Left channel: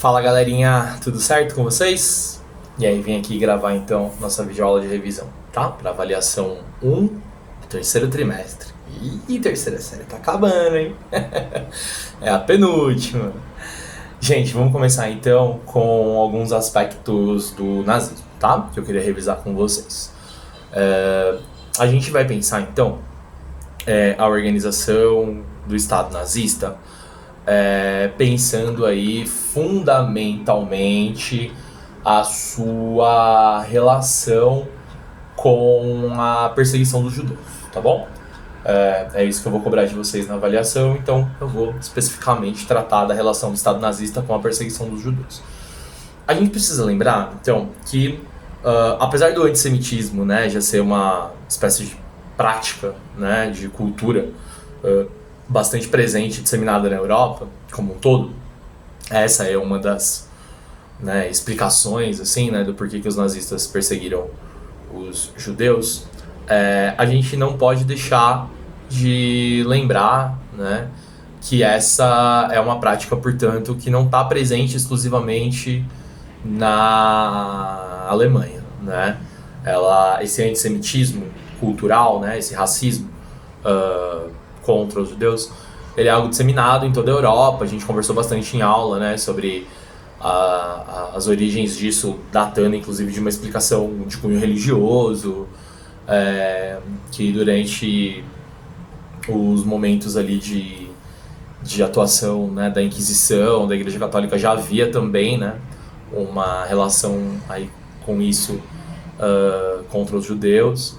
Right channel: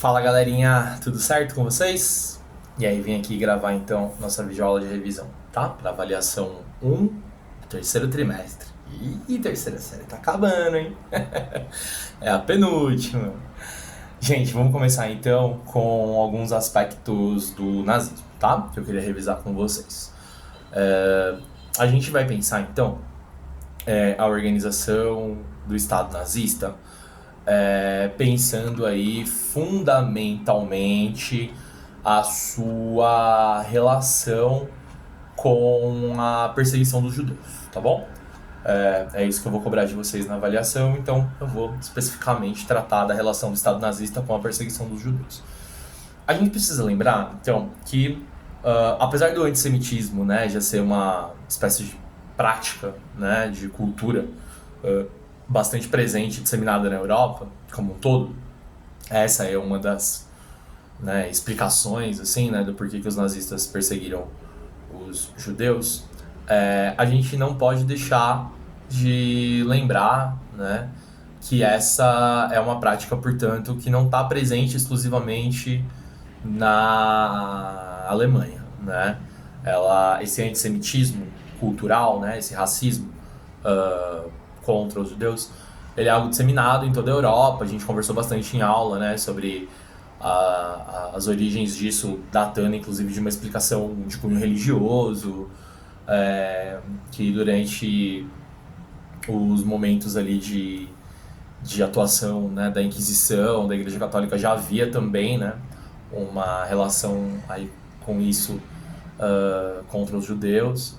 Fala galerinha, tudo certo com vocês? E aí, vim aqui gravar então nossa videoaula de revisão, tá? Para avaliação 1 do terceiro trimestre. Ih, terceira série tá acabando, hein? É a penúltima. Gente, vamos começar então com alguns aspectos do nazismo, tá? Que eu queria revisar com vocês. A gente vai pensar então a organização do Estado nazista, pensando aí fundamentalmente a sua relação com a perseguição dos judeus, tá bom? É isso que eu vou cobrar de vocês na avaliação, então eu vou especificamente tratar da relação do Estado nazista com a perseguição dos judeus. A gente precisa lembrar, então, que apesar do antissemitismo, né, já ser uma espécie de prática, né, de cultura bastante presente, disseminada na Europa como um todo, essa é uma das, né, explicações assim, né, do porquê que os nazistas perseguiram os judeus. A gente não pode deixar de lembrar, né, que essa é uma prática, portanto, que não está presente exclusivamente na Alemanha, né? Esse antissemitismo cultural, né, esse racismo contra os judeus, ele é algo disseminado em toda a Europa. A gente conversou bastante em aula, né, sobre as origens disso, datando inclusive de uma explicação de cunho religioso, que durante os momentos ali de atuação, né, da Inquisição, da Igreja Católica, já havia também, né, uma relação aí com isso contra os judeus.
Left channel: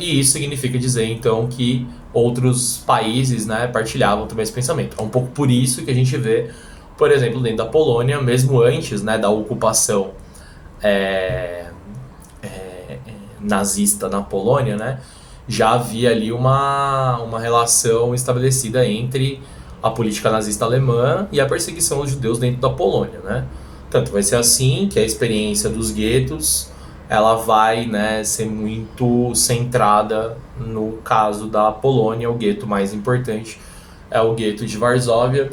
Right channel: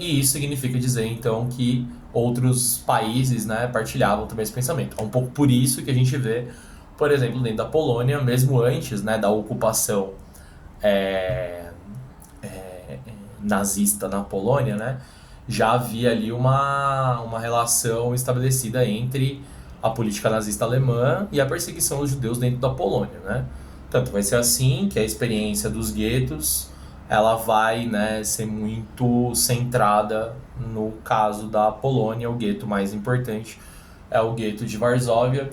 E isso significa dizer então que outros países, né, partilhavam também esse pensamento. É um pouco por isso que a gente vê, por exemplo, dentro da Polônia, mesmo antes, né, da ocupação nazista na Polônia, né, já havia ali uma relação estabelecida entre a política nazista alemã e a perseguição aos judeus dentro da Polônia, né? Tanto vai ser assim que a experiência dos guetos ela vai, né, ser muito centrada no caso da Polônia. O gueto mais importante é o gueto de Varsóvia.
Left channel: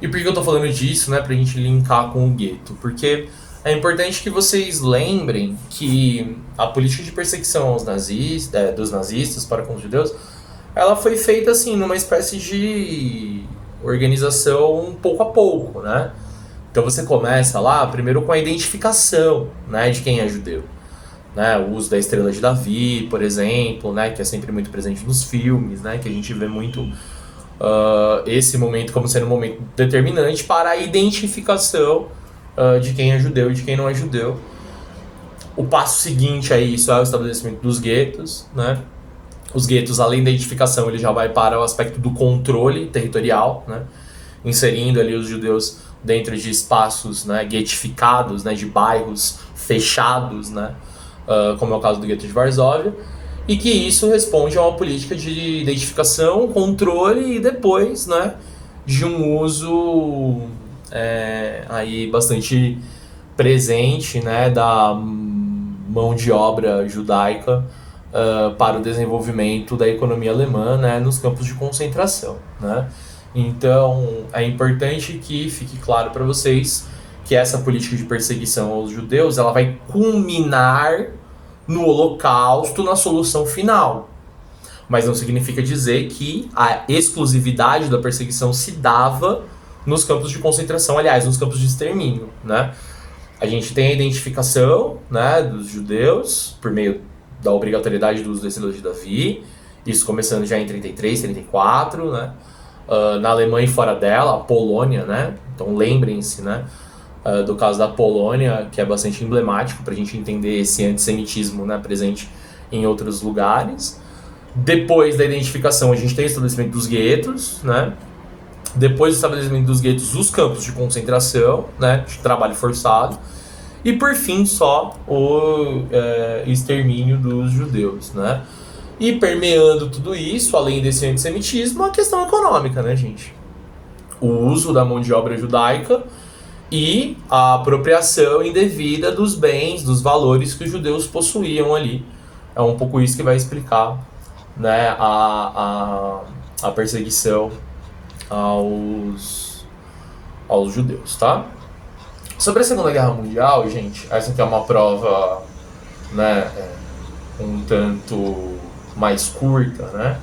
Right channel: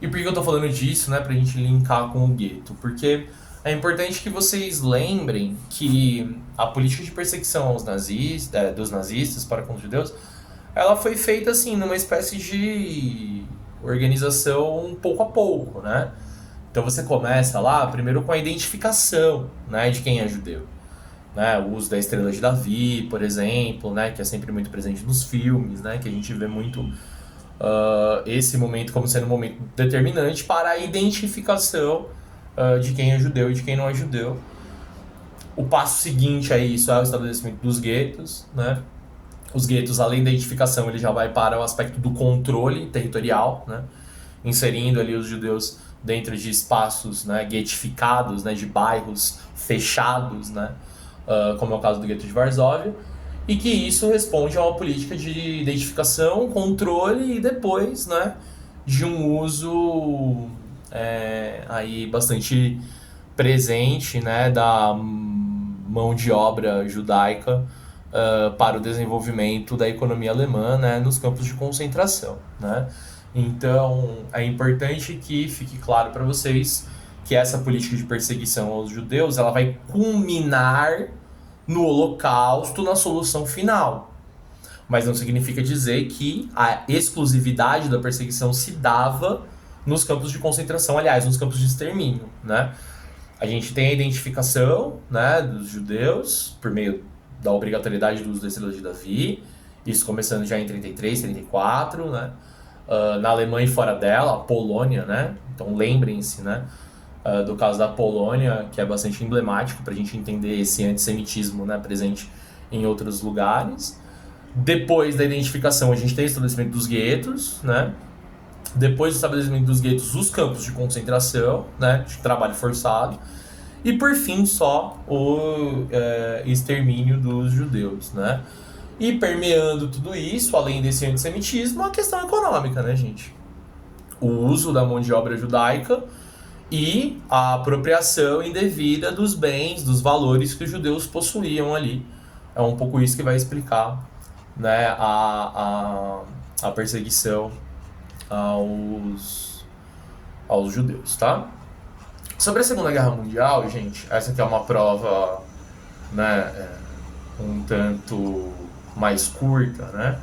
E por que eu tô falando disso, né, pra gente linkar com o gueto? Porque é importante que vocês lembrem que a política de perseguição aos dos nazistas para com os judeus, ela foi feita assim numa espécie de organização pouco a pouco, né? Então você começa lá primeiro com a identificação, né, de quem é judeu, né? O uso da estrela de Davi, por exemplo, né, que é sempre muito presente nos filmes, né, que a gente vê muito esse momento como sendo um momento determinante para a identificação de quem é judeu e de quem não é judeu. O passo seguinte a isso é o estabelecimento dos guetos, né? Os guetos, além da identificação, ele já vai para o aspecto do controle territorial, né, inserindo ali os judeus dentro de espaços, né, guetificados, né, de bairros fechados, né, como é o caso do gueto de Varsóvia, e que isso responde a uma política de identificação, controle e depois, né, de um uso aí bastante presente, né, da mão de obra judaica para o desenvolvimento da economia alemã, né, nos campos de concentração, né? Então, é importante que fique claro para vocês que essa política de perseguição aos judeus ela vai culminar no Holocausto, na solução final. Mas não significa dizer que a exclusividade da perseguição se dava nos campos de concentração, aliás, nos campos de extermínio, né? A gente tem a identificação, né, dos judeus por meio da obrigatoriedade do uso da estrela de Davi, isso começando já em 33, 34, né? Na Alemanha e fora dela, a Polônia, né? Então lembrem-se, né, do caso da Polônia, que é bastante emblemático para a gente entender esse antissemitismo, né, presente em outros lugares. Depois da identificação, a gente tem o estabelecimento dos guetos, né? Depois do estabelecimento dos guetos, os campos de concentração, né, de trabalho forçado. E por fim, só o extermínio dos judeus, né? E permeando tudo isso, além desse antissemitismo, a questão econômica, né, gente? O uso da mão de obra judaica e a apropriação indevida dos bens, dos valores que os judeus possuíam ali. É um pouco isso que vai explicar, né, a perseguição aos judeus, tá? Sobre a Segunda Guerra Mundial, gente, essa aqui é uma prova, né, um tanto mais curta, né?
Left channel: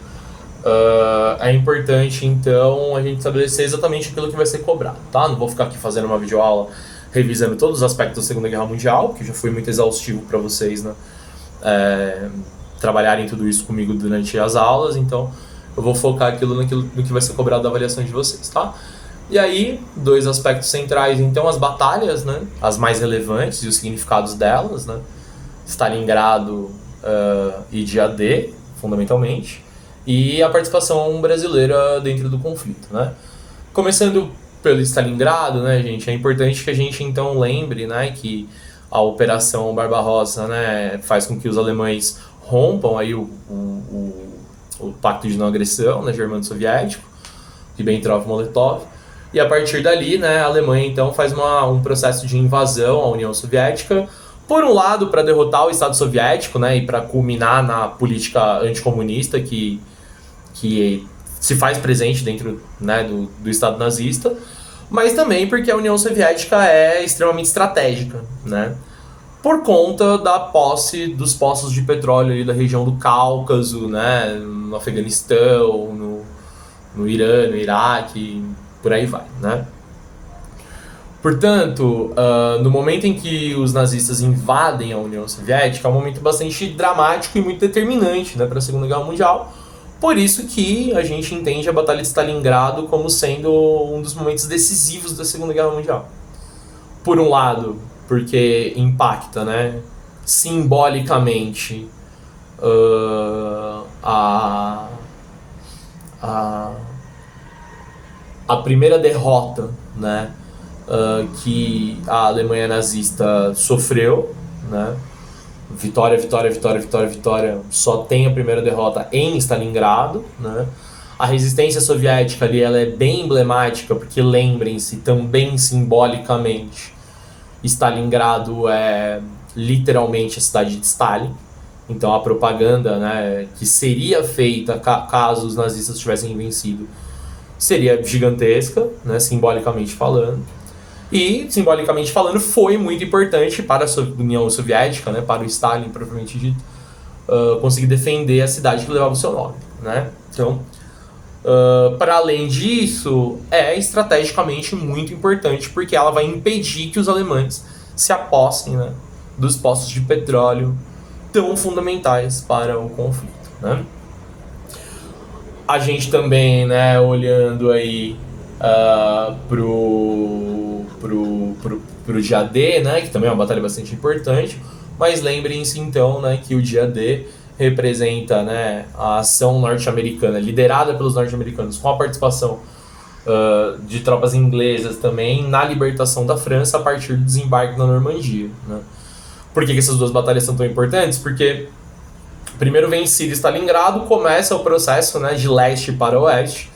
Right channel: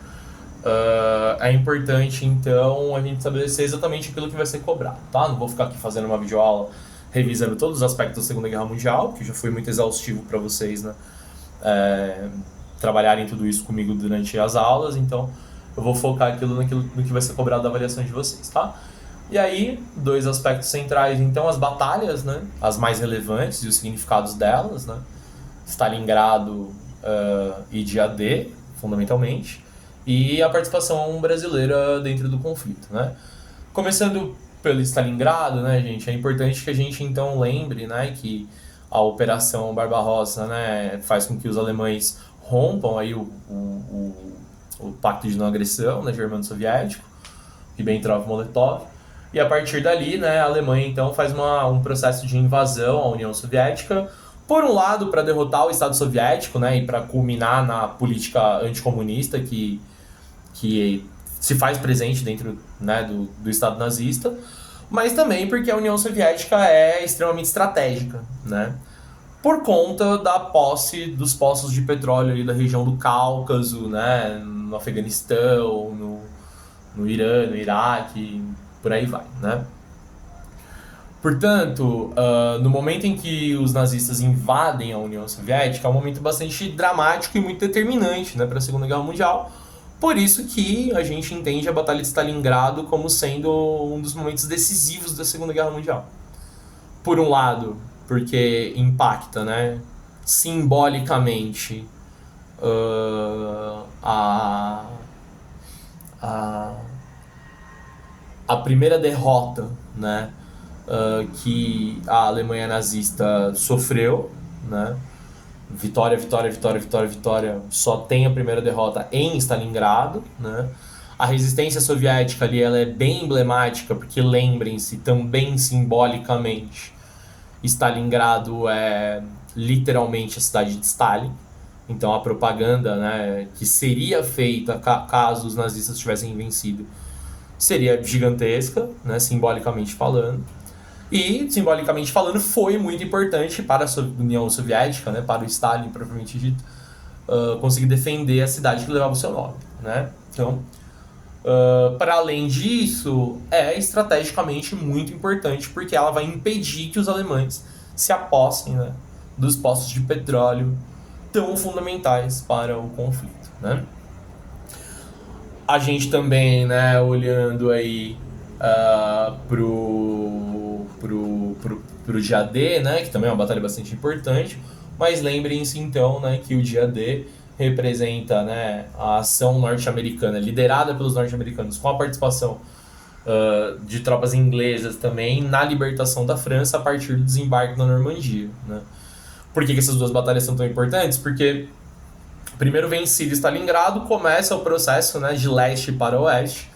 É importante, então, a gente estabelecer exatamente aquilo que vai ser cobrado, tá? Não vou ficar aqui fazendo uma videoaula revisando todos os aspectos da Segunda Guerra Mundial, que já foi muito exaustivo para vocês, né? Trabalharem tudo isso comigo durante as aulas, então eu vou focar naquilo que vai ser cobrado da avaliação de vocês, tá? E aí, dois aspectos centrais, então, as batalhas, né? As mais relevantes e os significados delas, né? Stalingrado e Dia D, fundamentalmente, e a participação brasileira dentro do conflito, né? Começando pelo Stalingrado, né, gente, é importante que a gente então lembre, né, que a Operação Barbarossa, né, faz com que os alemães rompam aí o pacto de não agressão, né, germano-soviético, Ribbentrop-Molotov, e a partir dali, né, a Alemanha então faz um processo de invasão à União Soviética, por um lado para derrotar o Estado Soviético, né, e para culminar na política anticomunista que se faz presente dentro, né, do Estado nazista, mas também porque a União Soviética é extremamente estratégica, né, por conta da posse dos poços de petróleo ali da região do Cáucaso, né, no Afeganistão, no Irã, no Iraque, por aí vai, né. Portanto, no momento em que os nazistas invadem a União Soviética, é um momento bastante dramático e muito determinante, né, para a Segunda Guerra Mundial. Por isso que a gente entende a Batalha de Stalingrado como sendo um dos momentos decisivos da Segunda Guerra Mundial. Por um lado, porque impacta, né, simbolicamente a primeira derrota, né, que a Alemanha nazista sofreu, né? Vitória, só tem a primeira derrota em Stalingrado, né? A resistência soviética ali, ela é bem emblemática, porque lembrem-se, também simbolicamente, Stalingrado é literalmente a cidade de Stalin. Então a propaganda, né, que seria feita caso os nazistas tivessem vencido seria gigantesca, né, simbolicamente falando. E, simbolicamente falando, foi muito importante para a União Soviética, né, para o Stalin, propriamente dito, conseguir defender a cidade que levava o seu nome, né? Então, para além disso, é estrategicamente muito importante, porque ela vai impedir que os alemães se apossem, né, dos poços de petróleo tão fundamentais para o conflito, né? A gente também, né, olhando aí pro dia D, né, que também é uma batalha bastante importante, mas lembrem-se então, né, que o dia D representa, né, a ação norte-americana, liderada pelos norte-americanos, com a participação de tropas inglesas também na libertação da França a partir do desembarque na Normandia, né? Por que essas duas batalhas são tão importantes? Porque primeiro vencido Stalingrado, começa o processo, né, de leste para oeste,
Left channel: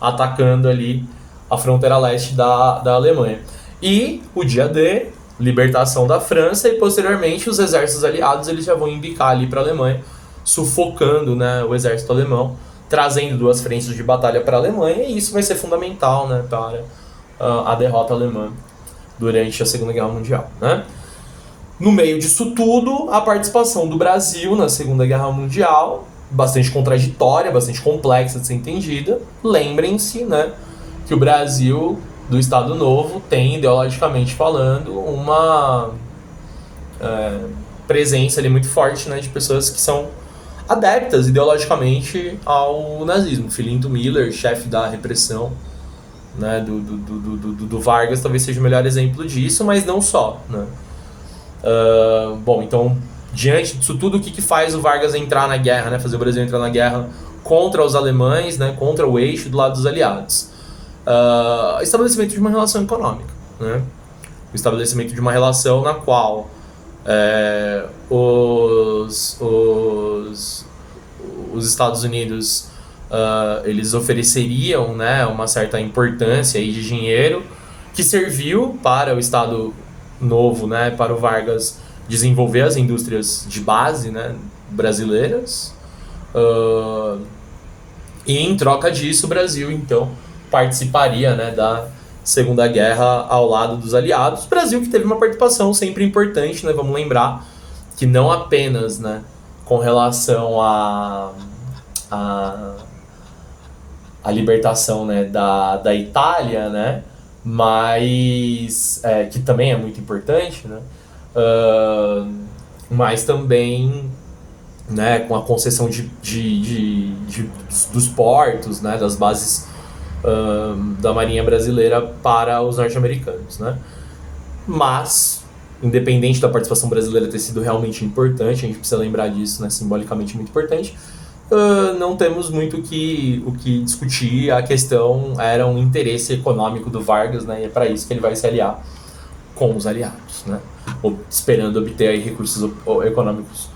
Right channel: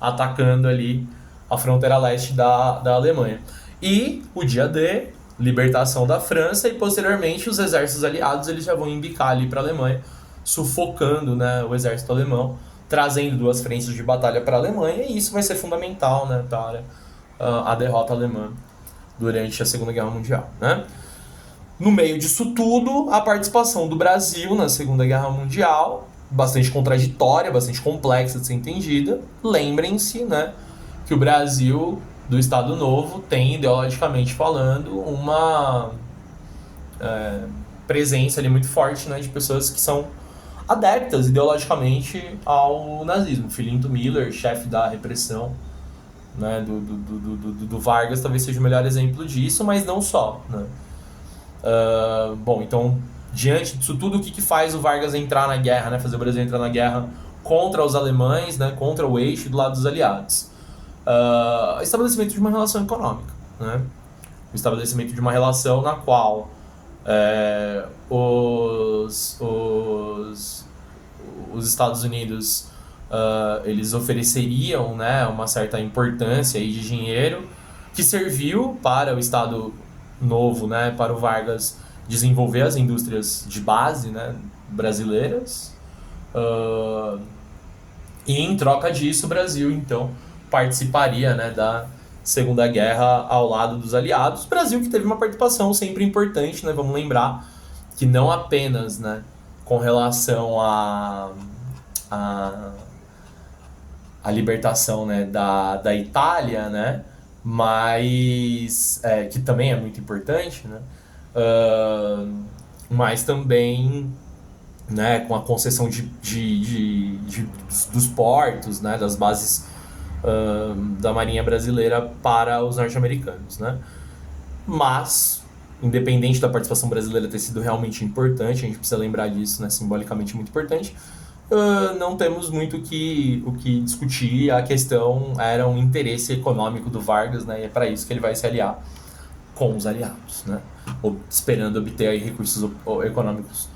atacando ali a fronteira leste da Alemanha. E o dia D, libertação da França, e posteriormente os exércitos aliados eles já vão embicar ali para a Alemanha, sufocando, né, o exército alemão, trazendo duas frentes de batalha para a Alemanha, e isso vai ser fundamental, né, para a derrota alemã durante a Segunda Guerra Mundial, né? No meio disso tudo, a participação do Brasil na Segunda Guerra Mundial, bastante contraditória, bastante complexa de ser entendida. Lembrem-se, né, que o Brasil, do Estado Novo, tem, ideologicamente falando, uma presença ali muito forte, né, de pessoas que são adeptas ideologicamente ao nazismo. Filinto Miller, chefe da repressão, né, do Vargas, talvez seja o melhor exemplo disso, mas não só, né. Bom, então, diante disso tudo, o que faz o Vargas entrar na guerra, né, fazer o Brasil entrar na guerra contra os alemães, né, contra o eixo do lado dos aliados? Estabelecimento de uma relação econômica, né? O estabelecimento de uma relação na qual os Estados Unidos eles ofereceriam, né, uma certa importância aí de dinheiro que serviu para o Estado Novo, né, para o Vargas desenvolver as indústrias de base, né, brasileiras, e em troca disso o Brasil então participaria, né, da Segunda Guerra ao lado dos aliados. Brasil que teve uma participação sempre importante, né? Vamos lembrar que não apenas, né, com relação a, a libertação, né, da Itália, né, mas que também é muito importante, né, mas também, né, com a concessão dos portos, né, das bases da Marinha Brasileira para os norte-americanos, né? Mas, independente da participação brasileira ter sido realmente importante, a gente precisa lembrar disso, né, simbolicamente muito importante, não temos muito o que discutir. A questão era um interesse econômico do Vargas, né, e é para isso que ele vai se aliar com os aliados, né, esperando obter aí recursos econômicos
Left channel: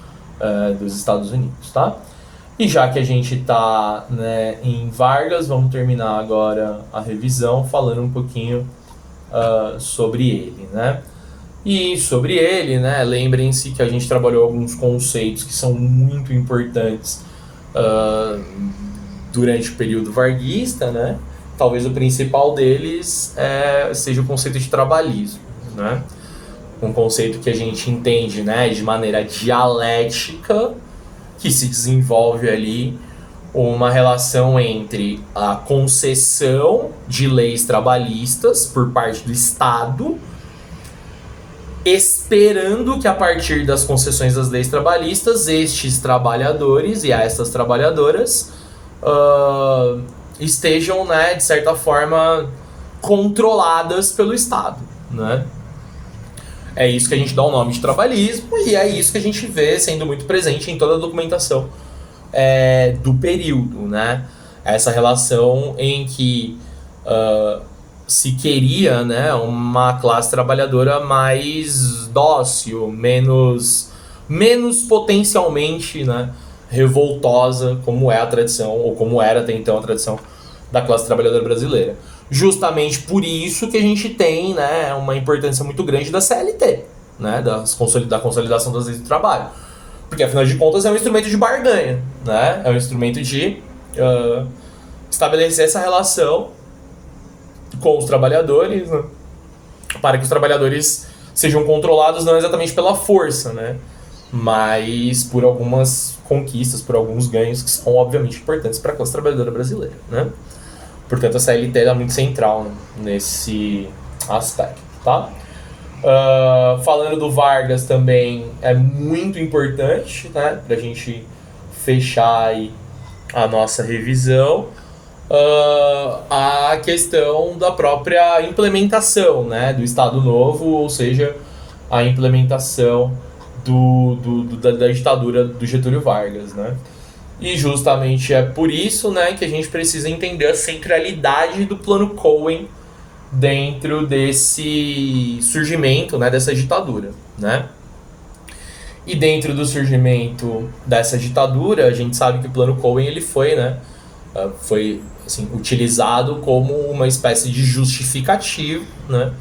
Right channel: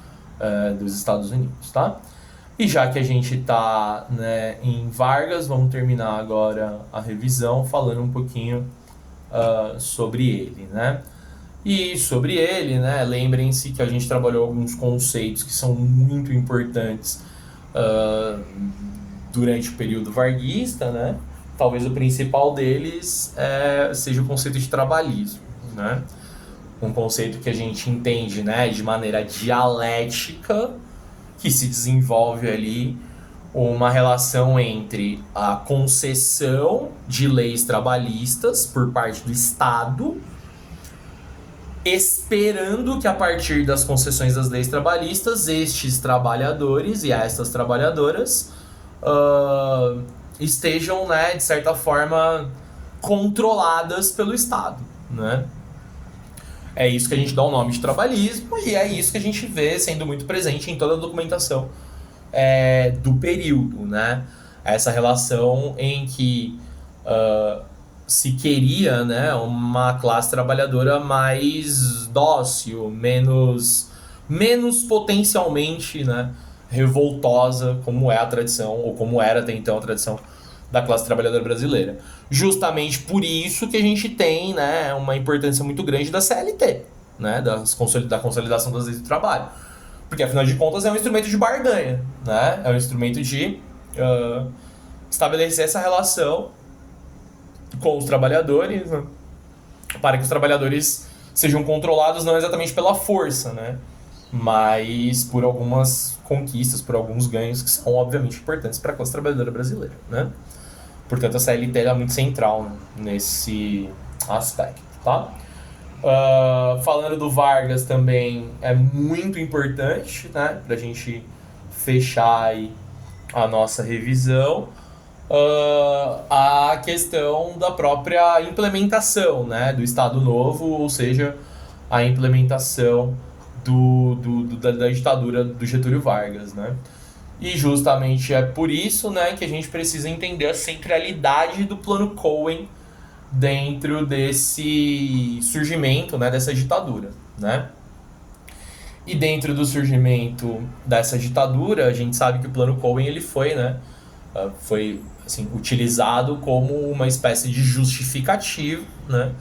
dos Estados Unidos, tá? E já que a gente está, né, em Vargas, vamos terminar agora a revisão falando um pouquinho sobre ele, né? E sobre ele, né, lembrem-se que a gente trabalhou alguns conceitos que são muito importantes durante o período varguista, né? Talvez o principal deles seja o conceito de trabalhismo, né? Um conceito que a gente entende, né, de maneira dialética, que se desenvolve ali uma relação entre a concessão de leis trabalhistas por parte do Estado, esperando que a partir das concessões das leis trabalhistas, estes trabalhadores e essas trabalhadoras estejam, né, de certa forma, controladas pelo Estado, né? É isso que a gente dá o nome de trabalhismo e é isso que a gente vê sendo muito presente em toda a documentação do período, né? Essa relação em que se queria, né, uma classe trabalhadora mais dócil, menos potencialmente, né, revoltosa, como é a tradição, ou como era até então a tradição da classe trabalhadora brasileira. Justamente por isso que a gente tem, né, uma importância muito grande da CLT, né, da consolidação das leis do trabalho. Porque, afinal de contas, é um instrumento de barganha, né? É um instrumento de estabelecer essa relação com os trabalhadores, né, para que os trabalhadores sejam controlados não exatamente pela força, né, mas por algumas conquistas, por alguns ganhos que são, obviamente, importantes para a classe trabalhadora brasileira, né? Portanto, a CLT é muito central nesse aspecto, tá? Falando do Vargas também é muito importante, né, para a gente fechar aí a nossa revisão, a questão da própria implementação, né, do Estado Novo, ou seja, a implementação da ditadura do Getúlio Vargas, né? E justamente é por isso, né, que a gente precisa entender a centralidade do Plano Cohen dentro desse surgimento, né, dessa ditadura, né? E dentro do surgimento dessa ditadura, a gente sabe que o Plano Cohen ele foi, né, foi assim, utilizado como uma espécie de justificativo, né,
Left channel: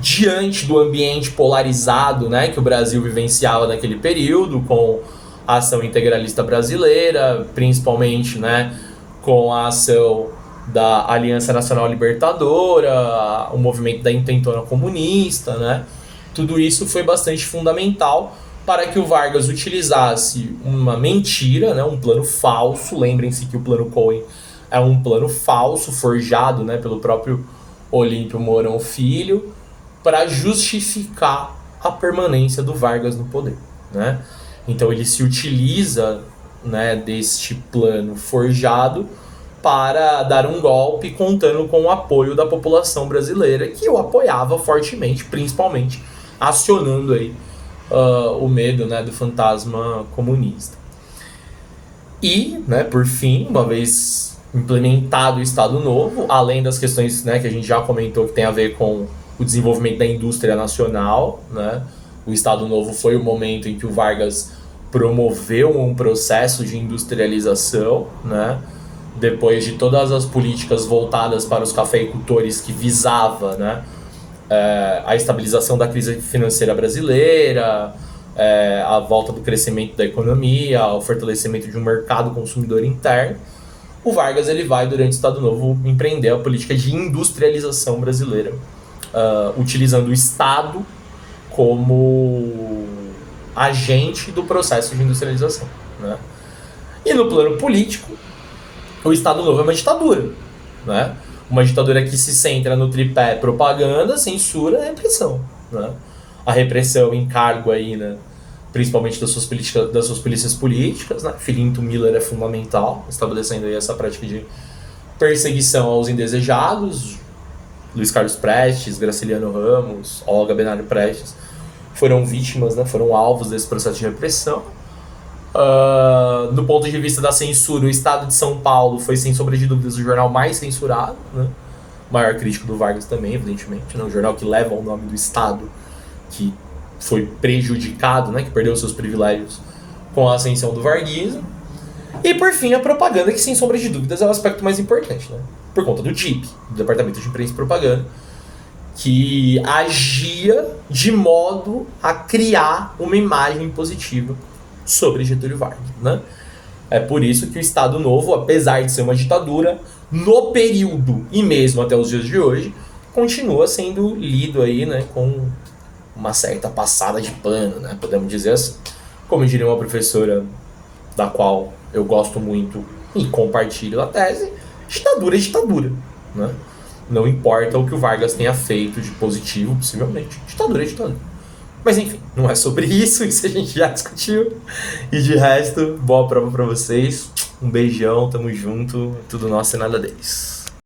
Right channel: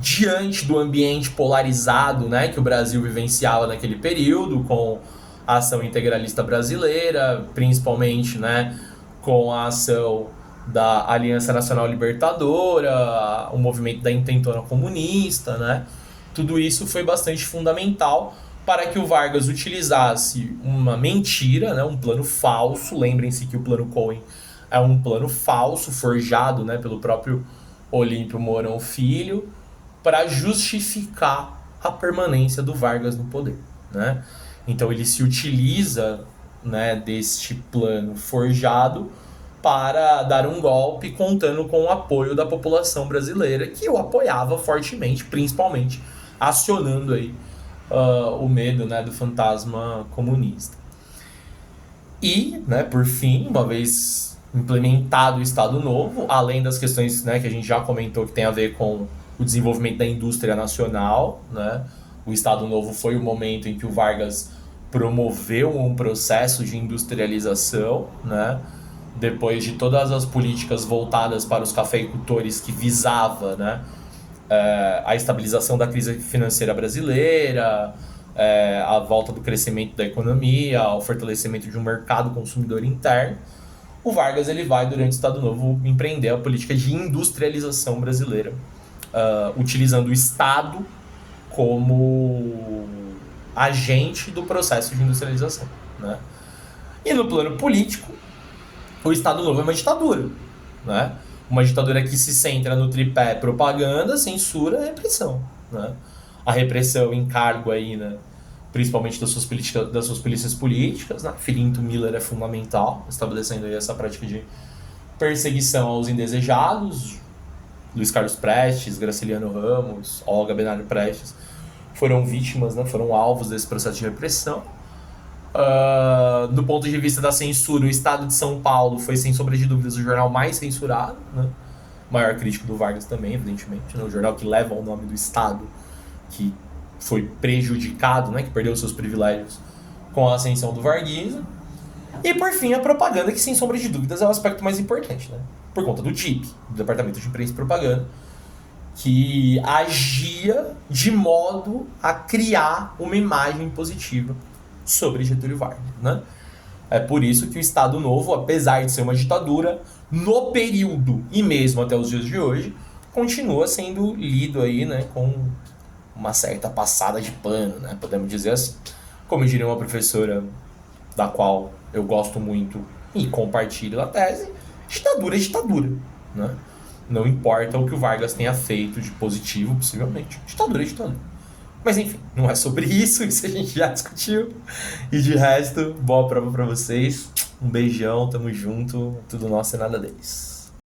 diante do ambiente polarizado, né, que o Brasil vivenciava naquele período, com a ação integralista brasileira, principalmente, né, com a ação da Aliança Nacional Libertadora, o movimento da intentona comunista, né? Tudo isso foi bastante fundamental para que o Vargas utilizasse uma mentira, né, um plano falso. Lembrem-se que o Plano Cohen é um plano falso, forjado, né, pelo próprio Olímpio Mourão Filho, para justificar a permanência do Vargas no poder, né? Então ele se utiliza, né, deste plano forjado para dar um golpe, contando com o apoio da população brasileira, que o apoiava fortemente, principalmente acionando aí o medo, né, do fantasma comunista. E, né, por fim, uma vez implementado o Estado Novo, além das questões, né, que a gente já comentou que tem a ver com o desenvolvimento da indústria nacional, né, o Estado Novo foi o momento em que o Vargas promoveu um processo de industrialização, né, depois de todas as políticas voltadas para os cafeicultores que visava, né, a estabilização da crise financeira brasileira, a volta do crescimento da economia, o fortalecimento de um mercado consumidor interno. o Vargas ele vai, durante o Estado Novo, empreender a política de industrialização brasileira, utilizando o Estado como agente do processo de industrialização, né? E no plano político, o Estado Novo é uma ditadura, né? Uma ditadura que se centra no tripé propaganda, censura e repressão, né? A repressão em cargo aí, né, principalmente das suas polícias políticas, né? Filinto Miller é fundamental, estabelecendo aí essa prática de perseguição aos indesejados. Luiz Carlos Prestes, Graciliano Ramos, Olga Benário Prestes foram vítimas, né? Foram alvos desse processo de repressão. Do ponto de vista da censura, o Estado de São Paulo foi, sem sombra de dúvidas, o jornal mais censurado, né? O maior crítico do Vargas também, evidentemente, né? O jornal que leva o nome do Estado, que foi prejudicado, né? Que perdeu seus privilégios com a ascensão do varguismo. E, por fim, a propaganda, que, sem sombra de dúvidas, é o aspecto mais importante, né? Por conta do DIP, do Departamento de Imprensa e Propaganda, que agia de modo a criar uma imagem positiva sobre Getúlio Vargas, né? É por isso que o Estado Novo, apesar de ser uma ditadura, no período e mesmo até os dias de hoje, continua sendo lido aí, né, com uma certa passada de pano, né, podemos dizer assim. Como diria uma professora da qual eu gosto muito e compartilho a tese, ditadura é ditadura, né? Não importa o que o Vargas tenha feito de positivo, possivelmente, ditadura é ditadura. Mas enfim, não é sobre isso a gente já discutiu. E de resto, boa prova pra vocês. Um beijão, tamo junto. Tudo nosso e nada deles.